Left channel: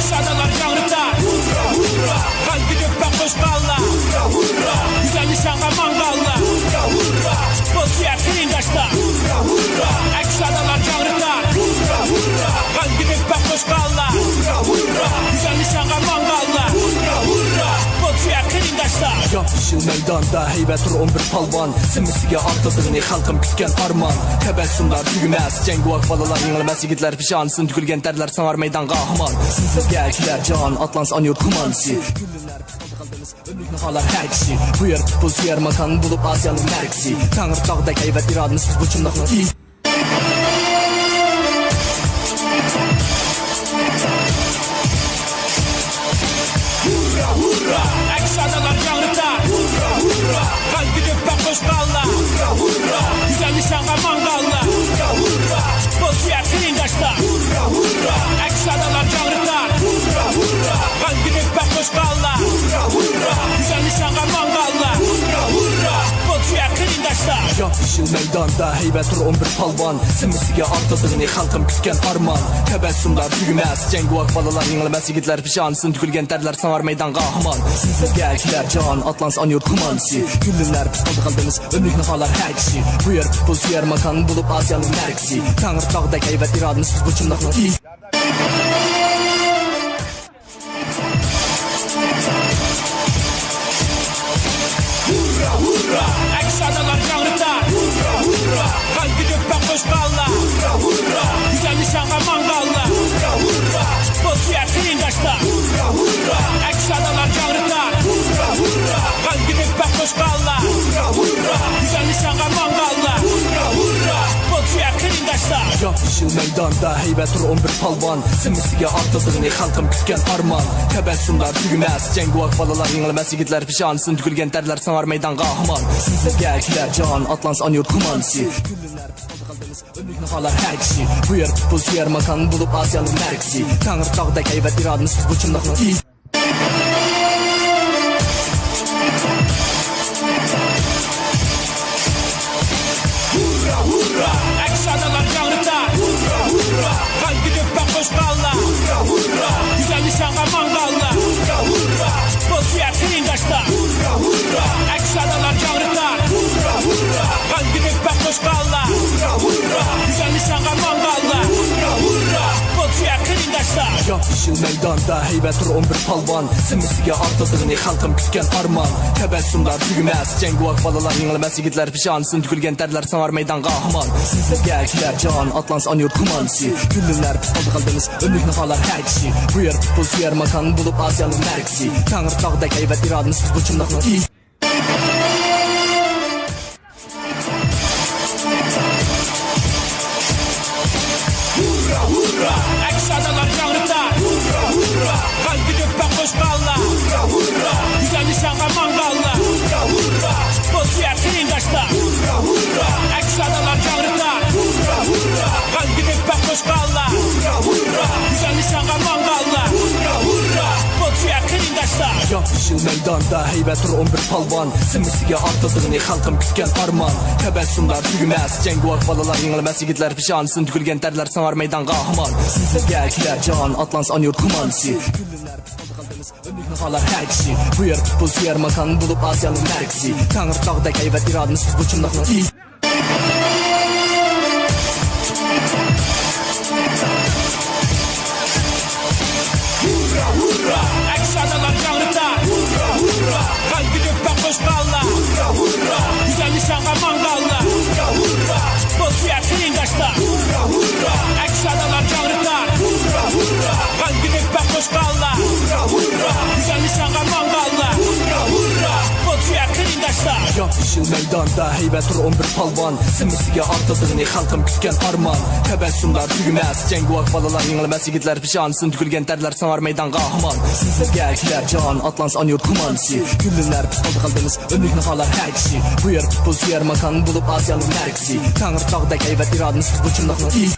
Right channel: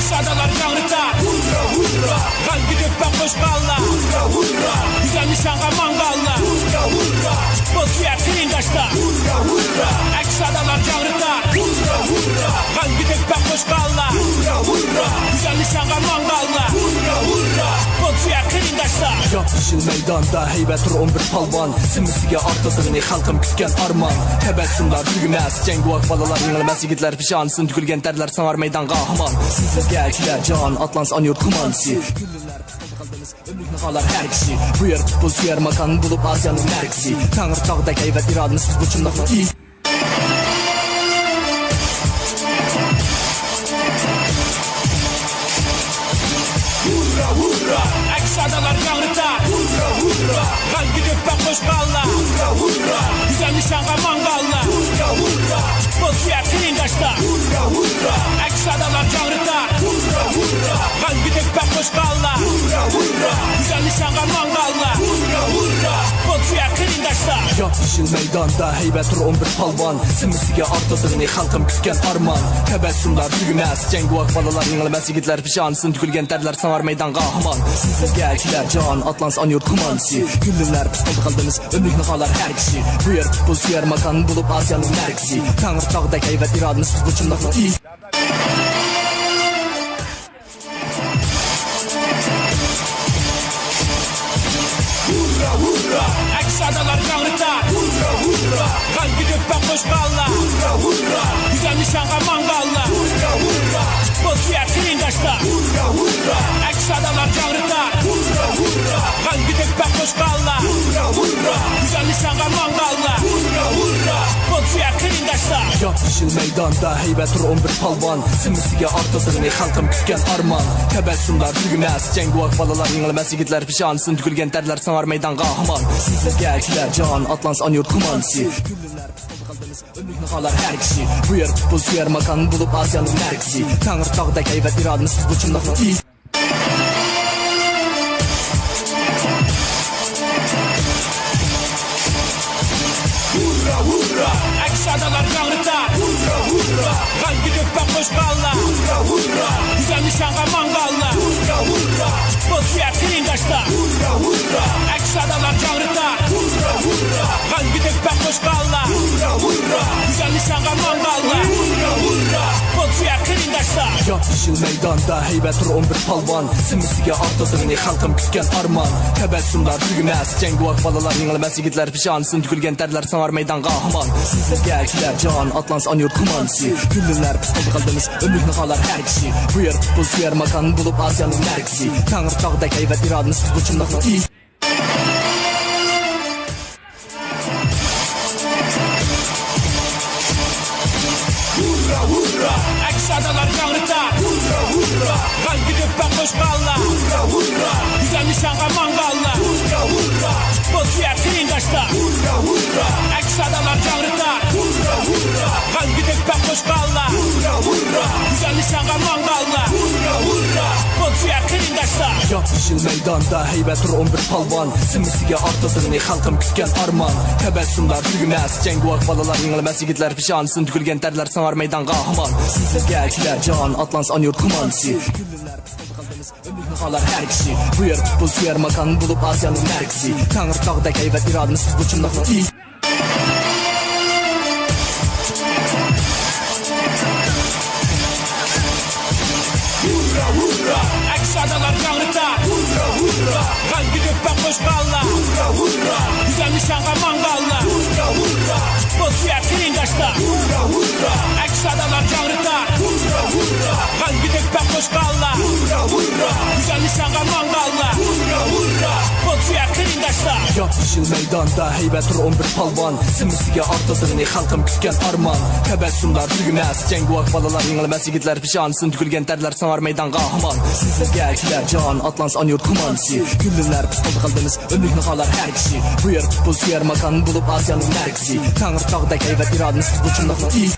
Aks adalar canrıtar. Hurra hurra. Kalbi dökbek koşkalla. Hurra hurra. Güzel nişanğa mangalla. Hurra hurra. Bozsuya kirindaşta. Hurra hurra. Aks adalar canrıtar. Hurra hurra. Kalbi dökbek koşkalla. Hurra hurra. Güzel nişanğa mangalla. Hurra hurra. Bozsuya kirindaşta. Yapışıl meydanda heybettir 11 palvan. Simisiga artadığını halkım kütken arman. Tebessümler tügümez. Cenguak balalar yenilemez yigitler pişansın. Tükülgen terler sanar meydan kahraman. Sizlerge kiler can atlans an yurt kumansi. Güllünler pıtıldı kaldınız ömrük nıhalar her kişi. Bu yer futbol suyer makan bulup Asya'nın merkezi. Tanrı tağdaki evet iradınız biz bu çımdakla iyi. Hurra hurra. Aks adalar canrıtar. Hurra hurra. Kalbi dökbek koşkalla. Hurra hurra. Güzel nişanğa mangalla. Hurra hurra. Bozsuya kirindaşta. Hurra hurra. Aks adalar canrıtar. Hurra hurra. Kalbi dökbek koşkalla. Hurra hurra. Güzel nişanğa mangalla. Hurra hurra. Bozsuya kirindaşta. Yapışıl meydanda heybettir 11 palvan. Simisiga artadığını halkım kütken arman. Tebessümler tügümez. Cenguak balalar yenilemez yigitler pişansın. Tükülgen terler sanar meydan kahraman. Sizlerge kiler can atlans an yurt kumansi. Güllünler pıtıldı kaldınız ömrük nıhalar her kişi. Bu yer futbol suyer makan bulup Asya'nın merkezi. Tanrı tağdaki evet iradınız biz bu çımdakla iyi. Hurra hurra. Aks adalar canrıtar. Hurra hurra. Kalbi dökbek koşkalla. Hurra hurra. Güzel nişanğa mangalla. Hurra hurra. Bozsuya kirindaşta. Hurra hurra. Aks adalar canrıtar. Hurra hurra. Kalbi dökbek koşkalla. Hurra hurra. Güzel nişanğa mangalla. Hurra hurra. Bozsuya kirindaşta. Yapışıl meydanda heybettir 11 palvan. Simisiga artadığını halkım kütken arman. Tebessümler tügümez. Cenguak balalar yenilemez yigitler pişansın. Tükülgen terler sanar meydan kahraman. Sizlerge kiler can atlans an yurt kumansi. Güllünler pıtıldı kaldınız ömrük nıhalar her kişi. Bu yer futbol suyer makan bulup Asya'nın merkezi. Tanrı tağdaki evet iradınız biz bu çımdakla iyi. Hurra hurra. Aks adalar canrıtar. Hurra hurra. Kalbi dökbek koşkalla. Hurra hurra. Güzel nişanğa mangalla. Hurra hurra. Bozsuya kirindaşta. Hurra hurra. Aks adalar canrıtar. Hurra hurra. Kalbi dökbek koşkalla. Hurra hurra. Güzel nişanğa mangalla. Hurra hurra. Bozsuya kirindaşta. Yapışıl meydanda heybettir 11 palvan. Simisiga artadığını halkım kütken arman. Tebessümler tügümez. Cenguak balalar yenilemez yigitler pişansın. Tükülgen terler sanar meydan kahraman. Sizlerge kiler can atlans an yurt kumansi. Güllünler pıtıldı kaldınız ömrük nıhalar her kişi. Bu yer futbol suyer makan bulup Asya'nın merkezi. Tanrı tağdaki evet iradınız biz bu çımdakla iyi. Hurra hurra. Aks adalar canrıtar. Hurra hurra. Kalbi dökbek koşkalla. Hurra hurra. Güzel nişanğa mangalla. Hurra hurra. Bozsuya kirindaşta. Hurra hurra. Aks adalar canrıtar. Hurra hurra. Kalbi dökbek koşkalla. Hurra hurra. Güzel nişanğa mangalla. Hurra hurra. Bozsuya kirindaşta. Yapışıl meydanda heybettir 11 palvan. Simisiga artadığını halkım kütken arman. Tebessümler tügümez. Cenguak balalar yenilemez yigitler pişansın. Tükülgen terler sanar meydan kahraman. Sizlerge kiler can atlans an yurt kumansi. Güllünler pıtıldı kaldınız ömrük nıhalar her kişi. Bu yer futbol suyer makan bulup Asya'nın merkezi. Tanrı tağdaki evet iradınız biz bu çımdakla iyi. Hurra hurra. Aks adalar canrıtar. Hurra hurra. Kalbi dökbek koşkalla. Hurra hurra. Güzel nişanğa mangalla. Hurra hurra. Bozsuya kirindaşta. Hurra hurra. Aks adalar canrıtar. Hurra hurra. Kalbi dökbek koşkalla. Hurra hurra. Güzel nişanğa mangalla. Hurra hurra. Bozsuya kirindaşta. Yapışıl meydanda heybettir 11 palvan. Simisiga artadığını halkım kütken arman. Tebessümler tügümez. Cenguak balalar yenilemez yigitler pişansın. Tükülgen terler sanar meydan kahraman. Sizlerge kiler can atlans an yurt kumansi. Güllünler pıtıldı kaldınız ömrük nıhalar her kişi. Bu yer futbol suyer makan bulup Asya'nın merkezi. Tanrı tağdaki evet iradınız biz bu çımdakla iyi.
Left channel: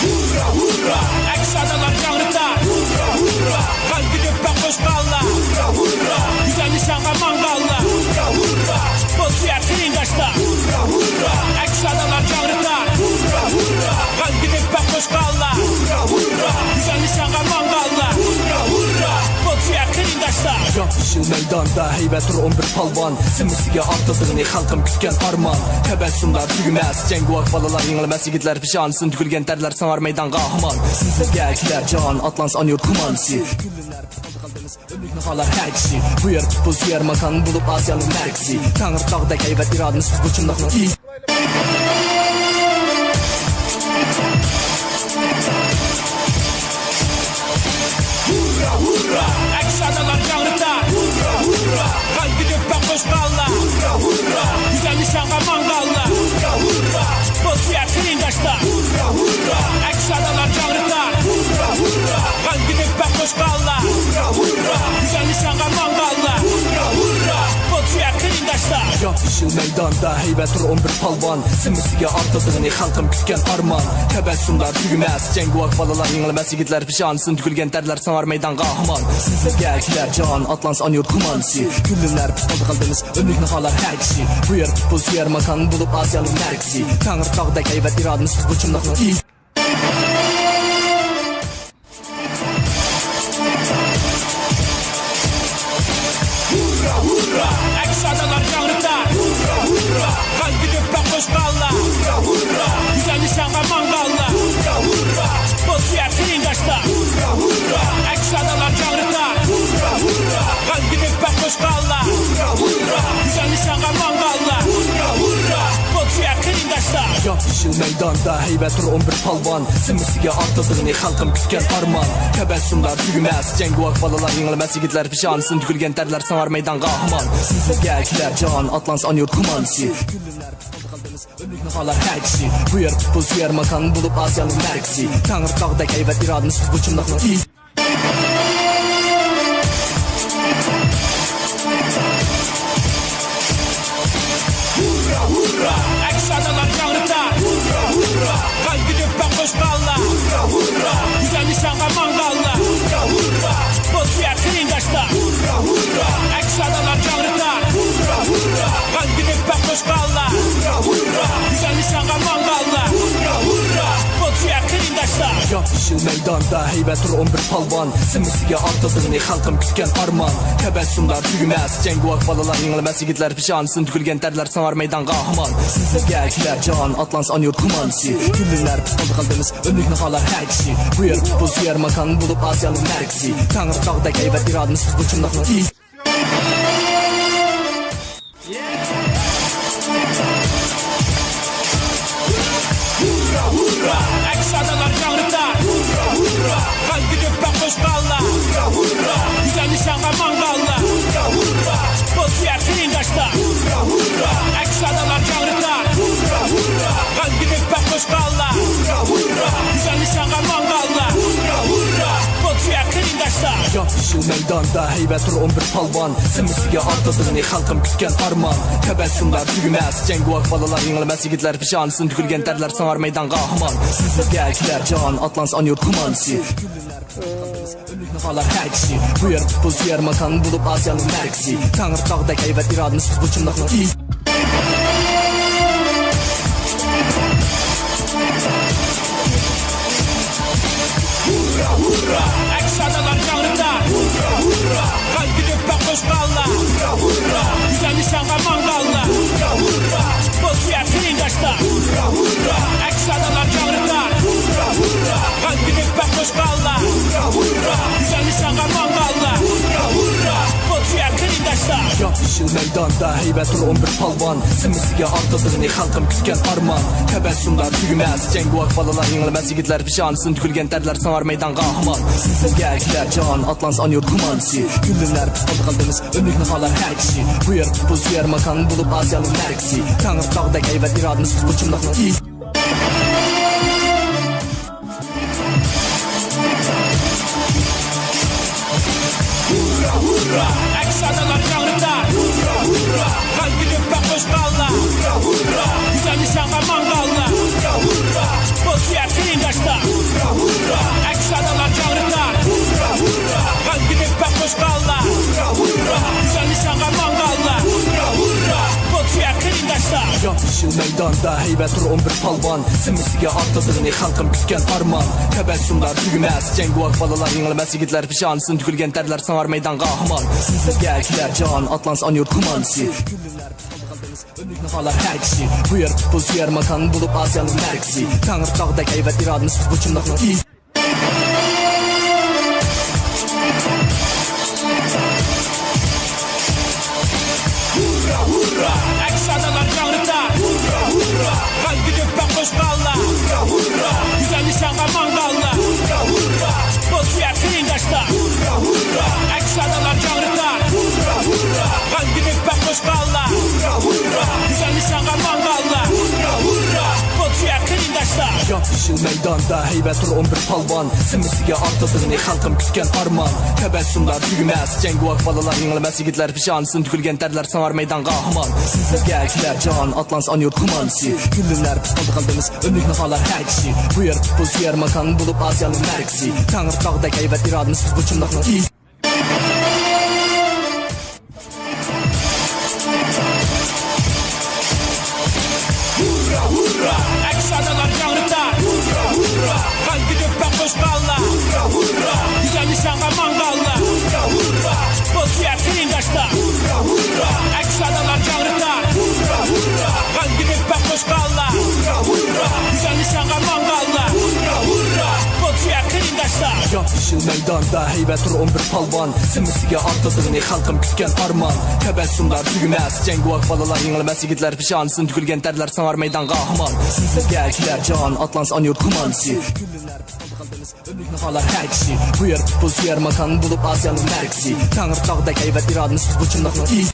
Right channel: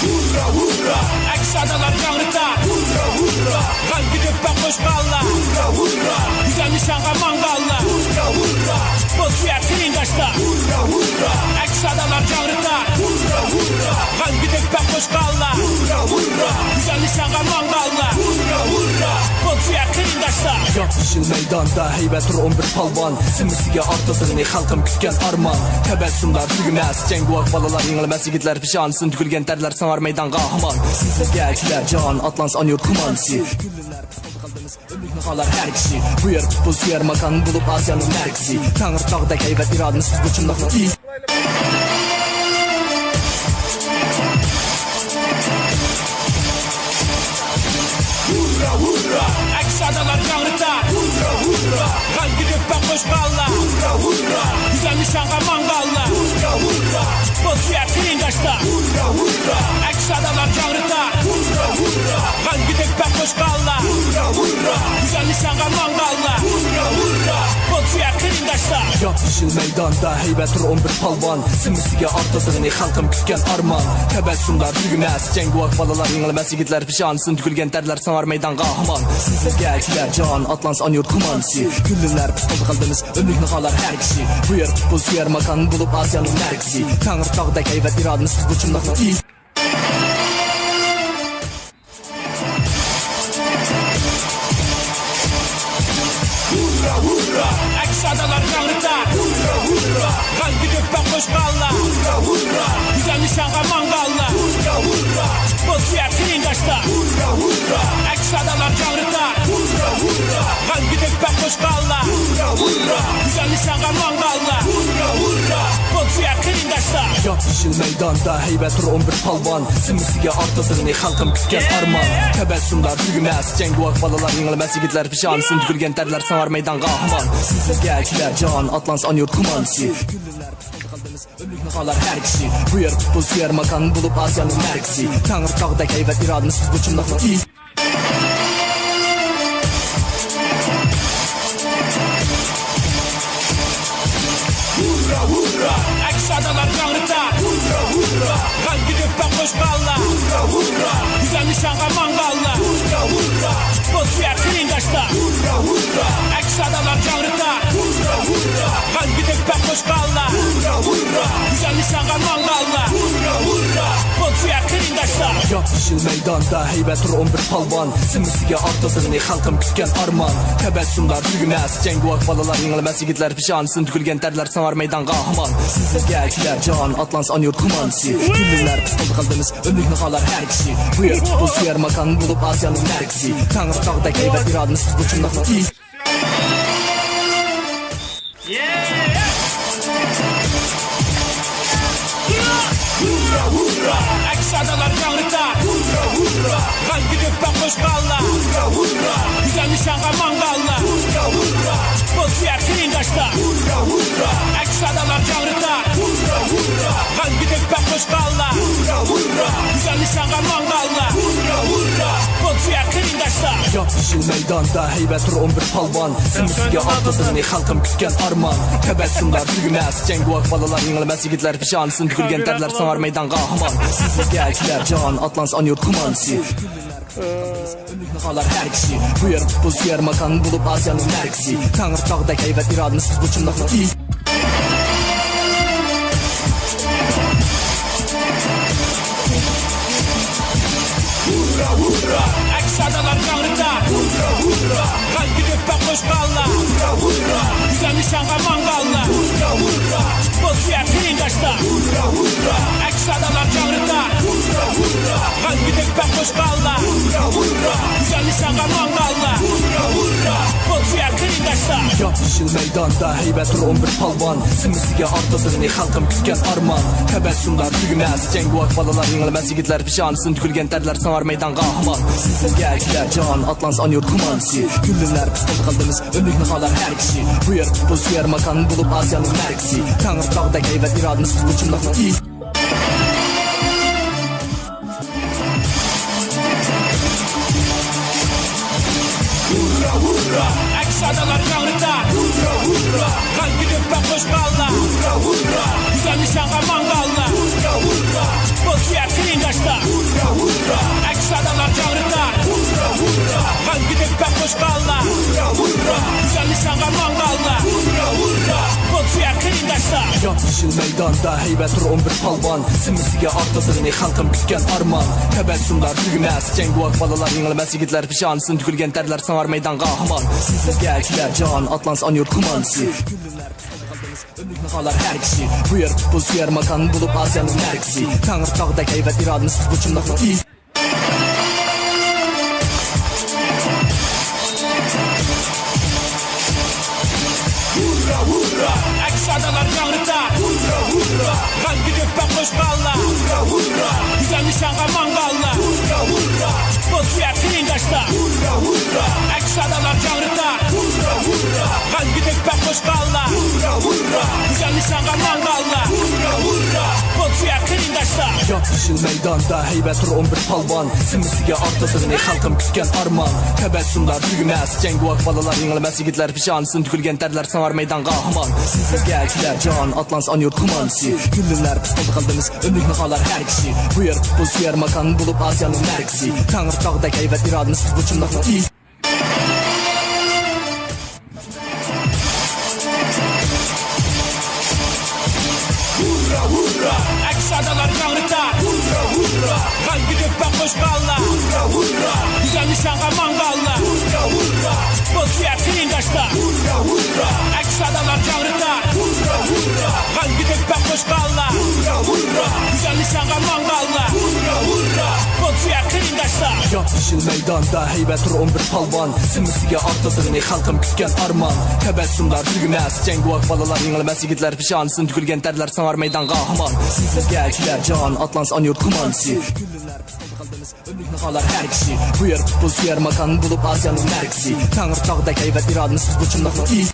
Hurra hurra. Aks adalar canrıtar. Hurra hurra. Kalbi dökbek koşkalla. Hurra hurra. Güzel nişanğa mangalla. Hurra hurra. Futbol suya krindaşta. Hurra hurra. Aks adalar canrıtar. Hurra hurra. Gal gidip bak hoş kalla. Hurra hurra. Güzel nişanğa mangalla. Hurra hurra. Futbol suya krindaşta. Yapışıl meydanda heybət 11 palvan. Simisiga artıldığını xalqım kütken arman. Təbəssümlər tügməz. Cenguak balalar yeniləməz yigitlər pişansın. Tükülgen tərlər sanar meydan qahman. Sizə kilər can Atlans anyor kumansi. Güllünlər tutuldu qaldınız. Ömrük nıxalar hər kişi. Bu yer futbol suyer makan bulup Asiyanın mərkəzi. Tanrı dağdək heybət iradınız biz bu çımlaqla iyi. Hurra hurra. Aks adalar canrıtar. Hurra hurra. Gal gidip bak hoş kalla. Hurra hurra. Güzel nişanğa mangalla. Hurra hurra. Futbol suya krindaşta. Hurra hurra. Aks adalar canrıtar. Hurra hurra. Gal gidip bak hoş kalla. Hurra hurra. Güzel nişanğa mangalla. Hurra hurra. Futbol suya krindaşta. Yapışıl meydanda heybət 11 palvan. Simisiga artıldığını xalqım kütken arman. Təbəssümlər tügməz. Cenguak balalar yeniləməz yigitlər pişansın. Tükülgen tərlər sanar meydan qahman. Sizə kilər can Atlans anyor kumansi. Güllünlər tutuldu qaldınız. Ömrük nıxalar hər kişi. Bu yer futbol suyer makan bulup Asiyanın mərkəzi. Tanrı dağdək heybət iradınız biz bu çımlaqla iyi. Hurra hurra. Aks adalar canrıtar. Hurra hurra. Gal gidip bak hoş kalla. Hurra hurra. Güzel nişanğa mangalla. Hurra hurra. Futbol suya krindaşta. Hurra hurra. Aks adalar canrıtar. Hurra hurra. Gal gidip bak hoş kalla. Hurra hurra. Güzel nişanğa mangalla. Hurra hurra. Futbol suya krindaşta. Yapışıl meydanda heybət 11 palvan. Simisiga artıldığını xalqım kütken arman. Təbəssümlər tügməz. Cenguak balalar yeniləməz yigitlər pişansın. Tükülgen tərlər sanar meydan qahman. Sizə kilər can Atlans anyor kumansi. Güllünlər tutuldu qaldınız. Ömrük nıxalar hər kişi. Bu yer futbol suyer makan bulup Asiyanın mərkəzi. Tanrı dağdək heybət iradınız biz bu çımlaqla iyi. Hurra hurra. Aks adalar canrıtar. Hurra hurra. Gal gidip bak hoş kalla. Hurra hurra. Güzel nişanğa mangalla. Hurra hurra. Futbol suya krindaşta. Hurra hurra. Aks adalar canrıtar. Hurra hurra. Gal gidip bak hoş kalla. Hurra hurra. Güzel nişanğa mangalla. Hurra hurra. Futbol suya krindaşta. Yapışıl meydanda heybət 11 palvan. Simisiga artıldığını xalqım kütken arman. Təbəssümlər tügməz. Cenguak balalar yeniləməz yigitlər pişansın. Tükülgen tərlər sanar meydan qahman. Sizə kilər can Atlans anyor kumansi. Güllünlər tutuldu qaldınız. Ömrük nıxalar hər kişi. Bu yer futbol suyer makan bulup Asiyanın mərkəzi. Tanrı dağdək heybət iradınız biz bu çımlaqla iyi. Hurra hurra. Aks adalar canrıtar. Hurra hurra. Gal gidip bak hoş kalla. Hurra hurra. Güzel nişanğa mangalla. Hurra hurra. Futbol suya krindaşta. Hurra hurra. Aks adalar canrıtar. Hurra hurra. Gal gidip bak hoş kalla. Hurra hurra. Güzel nişanğa mangalla. Hurra hurra. Futbol suya krindaşta. Yapışıl meydanda heybət 11 palvan. Simisiga artıldığını xalqım kütken arman. Təbəssümlər tügməz. Cenguak balalar yeniləməz yigitlər pişansın. Tükülgen tərlər sanar meydan qahman. Sizə kilər can Atlans anyor kumansi. Güllünlər tutuldu qaldınız. Ömrük nıxalar hər kişi. Bu yer futbol suyer makan bulup Asiyanın mərkəzi. Tanrı dağdək heybət iradınız biz bu çımlaqla iyi. Hurra hurra. Aks adalar canrıtar. Hurra hurra. Gal gidip bak hoş kalla. Hurra hurra. Güzel nişanğa mangalla. Hurra hurra. Futbol suya krindaşta. Hurra hurra. Aks adalar canrıtar. Hurra hurra. Gal gidip bak hoş kalla. Hurra hurra. Güzel nişanğa mangalla. Hurra hurra. Futbol suya krindaşta. Yapışıl meydanda heybət 11 palvan. Simisiga artıldığını xalqım kütken arman. Təbəssümlər tügməz. Cenguak balalar yeniləməz yigitlər pişansın. Tükülgen tərlər sanar meydan qahman. Sizə kilər can Atlans anyor kumansi. Güllünlər tutuldu qaldınız. Ömrük nıxalar hər kişi. Bu yer futbol suyer makan bulup Asiyanın mərkəzi. Tanrı dağdək heybət iradınız biz bu çımlaqla iyi. Hurra hurra. Aks adalar canrıtar. Hurra hurra. Gal gidip bak hoş kalla. Hurra hurra. Güzel nişanğa mangalla. Hurra hurra. Futbol suya krindaşta. Hurra hurra. Aks adalar canrıtar. Hurra hurra. Gal gidip bak hoş kalla. Hurra hurra. Güzel nişanğa mangalla. Hurra hurra, futbol suya kıyındaşlar. Yapışıl meydanda heybet dur 11 palvan. Simisiga artadığını halkım kütken arman. Tebessümler tügümez, cenguak balalar yengilmez. Yigitler pişansın, tükülgen terler sanar meydan kahraman. Sizlerge kiler can, Atlans anıyor kumansi. Güllünler kaldınız, önlük nakalar her kişi. Bu yer futbol suyer makan bulup Asya'nın merkezi. Tanrı dağdaki heybet iradınız bu çımlakla iyi. Hurra hurra, eksadalar yanrıtar. Hurra hurra, kan gidip ben koşkalla. Hurra hurra, güzel nişanğa mangalla. Hurra hurra, futbol suya kıyındaşlar. Hurra hurra, eksadalar yanrıtar. Hurra hurra, kan gidip ben koşkalla. Hurra hurra, güzel nişanğa mangalla. Hurra hurra, futbol suya kıyındaşlar. Yapışıl meydanda heybet dur 11 palvan. Simisiga artadığını halkım kütken arman. Tebessümler tügümez, cenguak balalar yengilmez. Yigitler pişansın, tükülgen terler sanar meydan kahraman. Sizlerge kiler can, Atlans anıyor kumansi. Güllünler futbolda kaldınız, önlük nakalar her kişi. Bu yer futbol suyer makan bulup Asya'nın merkezi. Tanrı dağdaki heybet iradınız bu çımlakla iyi. Hurra hurra, eksadalar yanrıtar. Hurra hurra, kan gidip ben koşkalla. Hurra hurra, güzel nişanğa mangalla. Hurra hurra, futbol suya kıyındaşlar. Hurra hurra, eksadalar yanrıtar. Hurra hurra, kan gidip ben koşkalla. Hurra hurra, güzel nişanğa mangalla. Hurra hurra, futbol suya kıyındaşlar. Yapışıl meydanda heybet dur 11 palvan. Simisiga artadığını halkım kütken arman. Tebessümler tügümez, cenguak balalar yengilmez. Yigitler pişansın, tükülgen terler sanar meydan kahraman. Sizlerge kiler can, Atlans anıyor kumansi. Güllünler futbolda kaldınız, önlük nakalar her kişi. Bu yer futbol suyer makan bulup Asya'nın merkezi. Tanrı dağdaki heybet iradınız bu çımlakla iyi.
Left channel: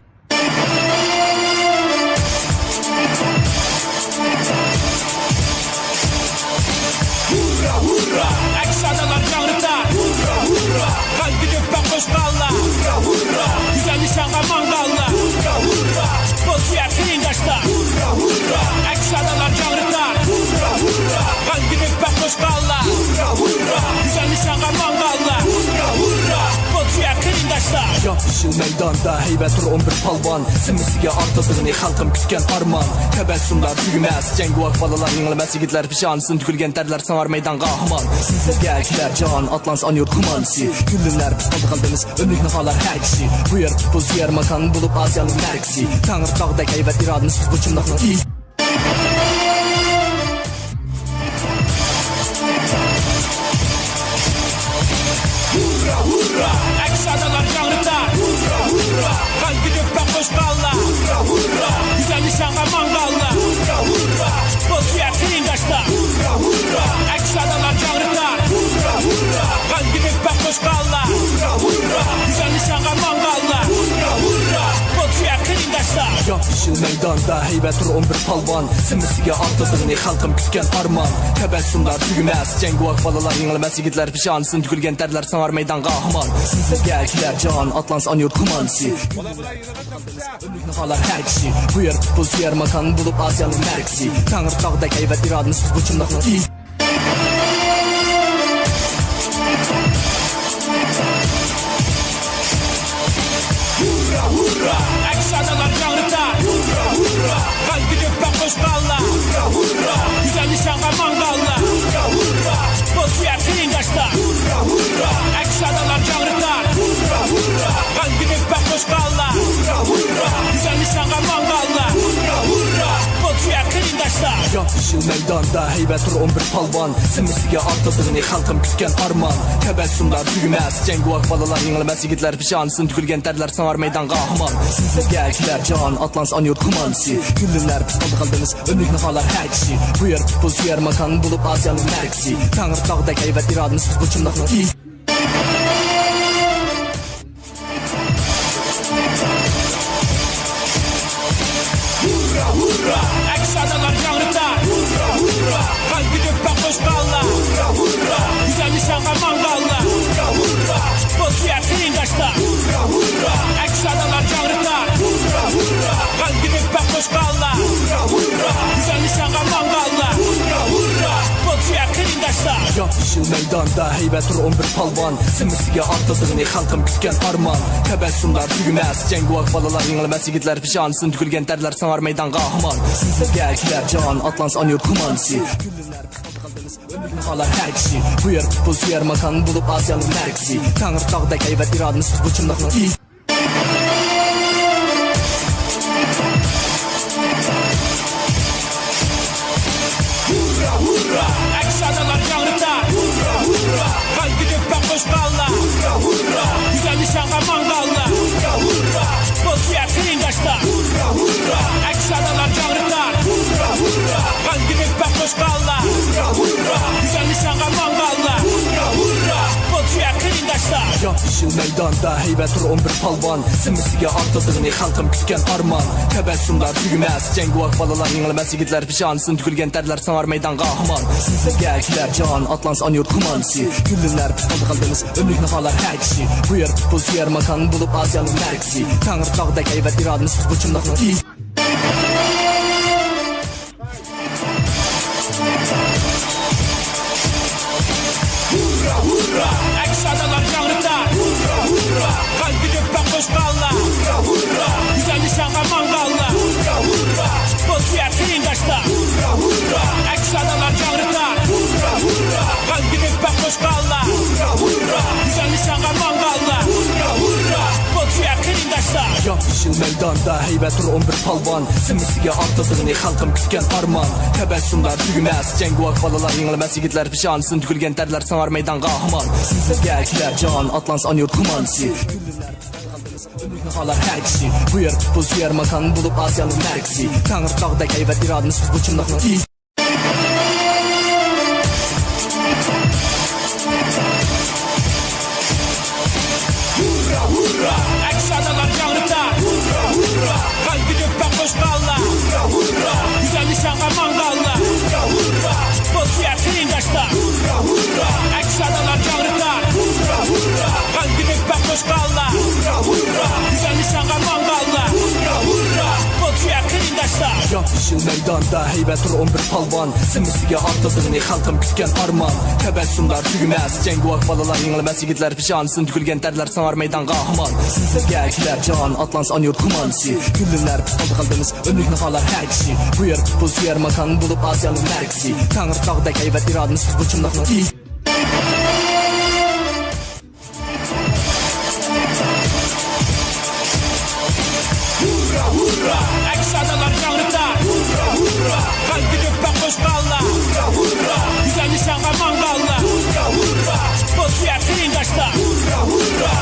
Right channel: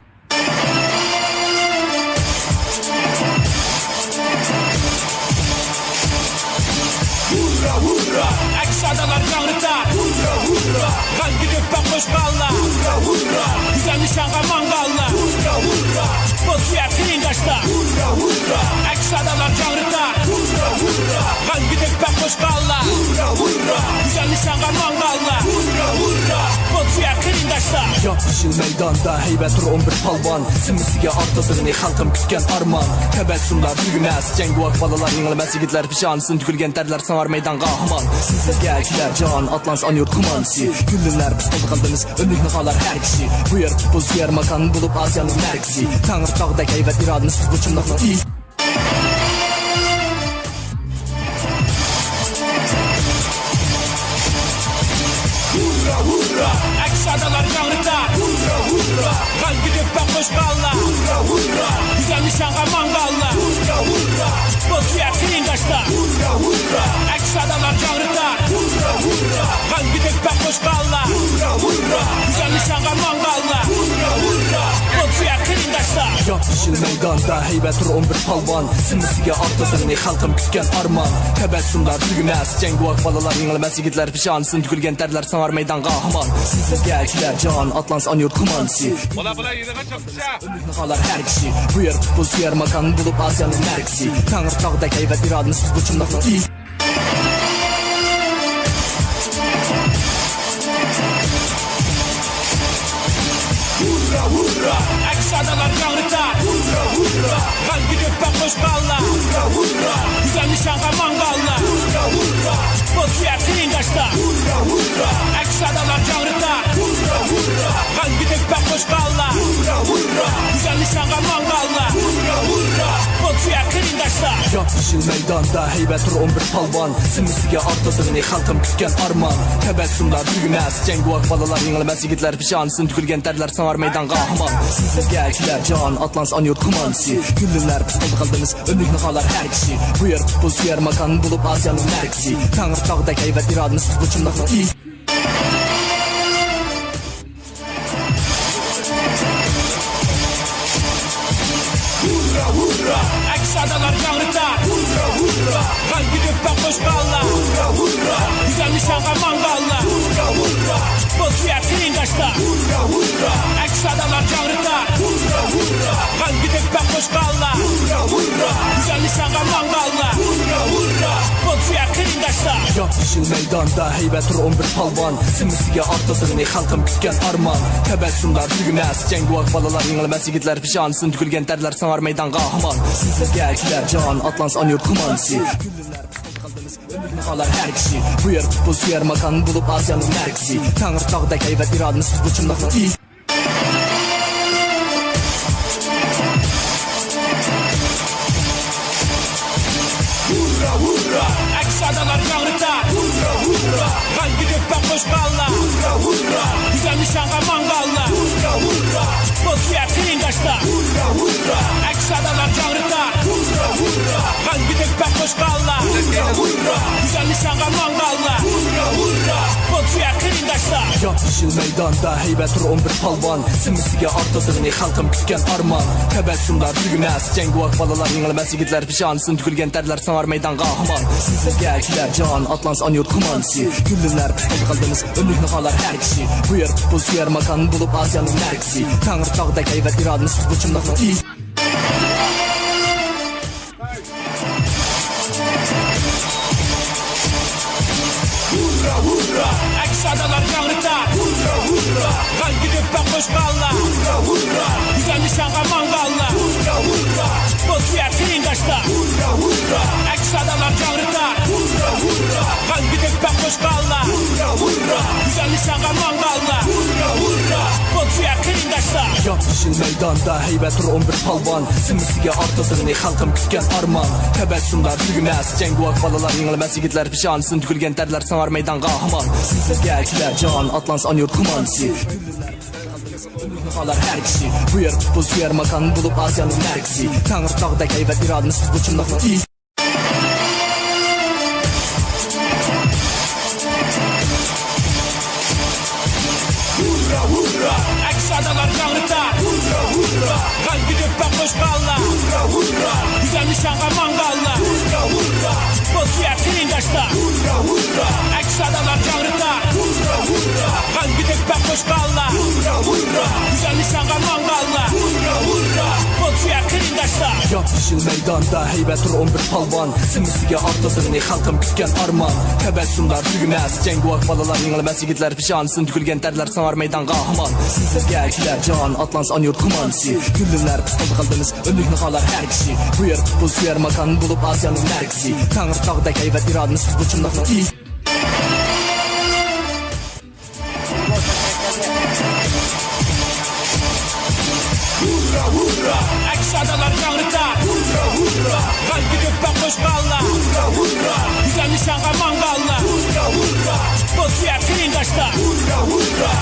Hurra hurra, eksadalar yanrıtar. Hurra hurra, kan gidip ben koşkalla. Hurra hurra, güzel nişanğa mangalla. Hurra hurra, futbol suya kıyındaşlar. Hurra hurra, eksadalar yanrıtar. Hurra hurra, kan gidip ben koşkalla. Hurra hurra, güzel nişanğa mangalla. Hurra hurra, futbol suya kıyındaşlar. Yapışıl meydanda heybet dur 11 palvan. Simisiga artadığını halkım kütken arman. Tebessümler tügümez, cenguak balalar yengilmez. Yigitler pişansın, tükülgen terler sanar meydan kahraman. Sizlerge kiler can, Atlans anıyor kumansi. Güllünler futbolda kaldınız, önlük nakalar her kişi. Bu yer futbol suyer makan bulup Asya'nın merkezi. Tanrı dağdaki heybet iradınız bu çımlakla iyi. Hurra hurra, eksadalar yanrıtar. Hurra hurra, kan gidip ben koşkalla. Hurra hurra, güzel nişanğa mangalla. Hurra hurra, futbol suya kıyındaşlar. Hurra hurra, eksadalar yanrıtar. Hurra hurra, kan gidip ben koşkalla. Hurra hurra, güzel nişanğa mangalla. Hurra hurra, futbol suya kıyındaşlar. Yapışıl meydanda heybet dur 11 palvan. Simisiga artadığını halkım kütken arman. Tebessümler tügümez, cenguak balalar yengilmez. Yigitler pişansın, tükülgen terler sanar meydan kahraman. Sizlerge kiler can, Atlans anıyor kumansi. Önlük nakalar her kişi. Bu yer futbol suyer makan bulup Asya'nın merkezi. Tanrı dağdaki heybet iradınız bu çımlakla iyi. Hurra hurra, eksadalar yanrıtar. Hurra hurra, kan gidip ben koşkalla. Hurra hurra, güzel nişanğa mangalla. Hurra hurra, futbol suya kıyındaşlar. Hurra hurra, eksadalar yanrıtar. Hurra hurra, kan gidip ben koşkalla. Hurra hurra, güzel nişanğa mangalla. Hurra hurra, futbol suya kıyındaşlar. Yapışıl meydanda heybet dur 11 palvan. Simisiga artadığını halkım kütken arman. Tebessümler tügümez, cenguak balalar yengilmez. Yigitler pişansın, tükülgen terler sanar meydan kahraman. Sizlerge kiler can, Atlans anıyor kumansi. Güllünler futbolda kaldınız, önlük nakalar her kişi. Bu yer futbol suyer makan bulup Asya'nın merkezi. Tanrı dağdaki heybet iradınız bu çımlakla iyi. Hurra hurra, eksadalar yanrıtar. Hurra hurra, kan gidip ben koşkalla. Hurra hurra, güzel nişanğa mangalla. Hurra hurra, futbol suya kıyındaşlar. Hurra hurra, Adalar canrıtar. Hurra hurra. Kalbi dökbek koşkalla. Hurra hurra. Güzel nişanğa mangalla. Hurra hurra. Bolsuya kıyındaşlar. Yapışıl meydanda heybet tur 11 palvan. Simisiga artıldığını halkım kütken arman. Tebessümler tügümez. Cenguak balalar yengilmez yigitler pişansın. Tükülgen terler sanar meydan kahraman. Sizlerge kiler can atlans anyurt kumansi. Güllünler kaldınız ömrük nakalar her kişi. Bu yer futbol suyer makan bulup Asya'nın merkezi. Tanrı dağdaki heybet iradınız biz bu çımdakla iyi. Hurra hurra. Adalar canrıtar. Hurra hurra. Kalbi dökbek koşkalla. Hurra hurra. Güzel nişanğa mangalla. Hurra hurra. Bolsuya kıyındaşlar. Hurra hurra. Adalar canrıtar. Hurra hurra. Kalbi dökbek koşkalla. Hurra hurra. Güzel nişanğa mangalla. Hurra hurra. Bolsuya kıyındaşlar. Yapışıl meydanda heybet tur 11 palvan. Simisiga artıldığını halkım kütken arman. Tebessümler tügümez. Cenguak balalar yengilmez yigitler pişansın. Tükülgen terler sanar meydan kahraman. Sizlerge kiler can atlans anyurt kumansi. Güllünler kaldınız ömrük nakalar her kişi. Bu yer futbol suyer makan bulup Asya'nın merkezi. Tanrı dağdaki heybet iradınız biz bu çımdakla iyi. Hurra hurra. Adalar canrıtar. Hurra hurra. Kalbi dökbek koşkalla. Hurra hurra. Güzel nişanğa mangalla. Hurra hurra. Bolsuya kıyındaşlar. Hurra hurra. Adalar canrıtar. Hurra hurra. Kalbi dökbek koşkalla. Hurra hurra. Güzel nişanğa mangalla. Hurra hurra. Bolsuya kıyındaşlar. Yapışıl meydanda heybet tur 11 palvan. Simisiga artıldığını halkım kütken arman. Tebessümler tügümez. Cenguak balalar yengilmez yigitler pişansın. Tükülgen terler sanar meydan kahraman. Sizlerge kiler can atlans anyurt kumansi. Güllünler kaldınız ömrük nakalar her kişi. Bu yer futbol suyer makan bulup Asya'nın merkezi. Tanrı dağdaki heybet iradınız biz bu çımdakla iyi. Hurra hurra. Adalar canrıtar. Hurra hurra. Kalbi dökbek koşkalla. Hurra hurra. Güzel nişanğa mangalla. Hurra hurra. Bolsuya kıyındaşlar. Hurra hurra. Adalar canrıtar. Hurra hurra. Kalbi dökbek koşkalla. Hurra hurra. Güzel nişanğa mangalla. Hurra hurra. Bolsuya kıyındaşlar. Yapışıl meydanda heybet tur 11 palvan. Simisiga artıldığını halkım kütken arman. Tebessümler tügümez. Cenguak balalar yengilmez yigitler pişansın. Tükülgen terler sanar meydan kahraman. Sizlerge kiler can atlans anyurt kumansi. Güllünler kaldınız ömrük nakalar her kişi. Bu yer futbol suyer makan bulup Asya'nın merkezi. Tanrı dağdaki heybet iradınız biz bu çımdakla iyi. Hurra hurra. Adalar canrıtar. Hurra hurra. Kalbi dökbek koşkalla. Hurra hurra. Güzel nişanğa mangalla. Hurra hurra. Bolsuya kıyındaşlar. Hurra hurra.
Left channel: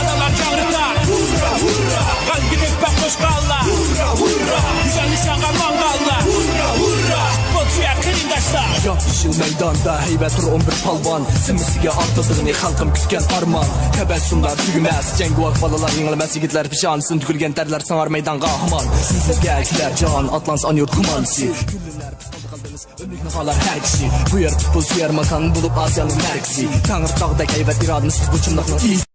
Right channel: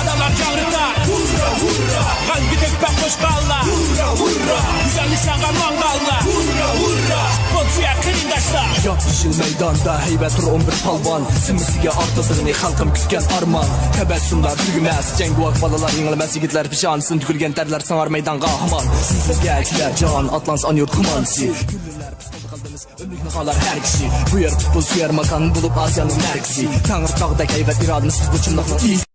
Adalar canrıtar. Hurra hurra. Kalbi dökbek koşkalla. Hurra hurra. Güzel nişanğa mangalla. Hurra hurra. Bolsuya kıyındaşlar. Yapışıl meydanda heybet tur 11 palvan. Simisiga artıldığını halkım kütken arman. Tebessümler tügümez. Cenguak balalar yengilmez yigitler pişansın. Tükülgen terler sanar meydan kahraman. Sizlerge kiler can atlans anyurt kumansi. Güllünler kaldınız ömrük nakalar her kişi. Bu yer futbol suyer makan bulup Asya'nın merkezi. Tanrı dağdaki heybet iradınız biz bu çımdakla iyi.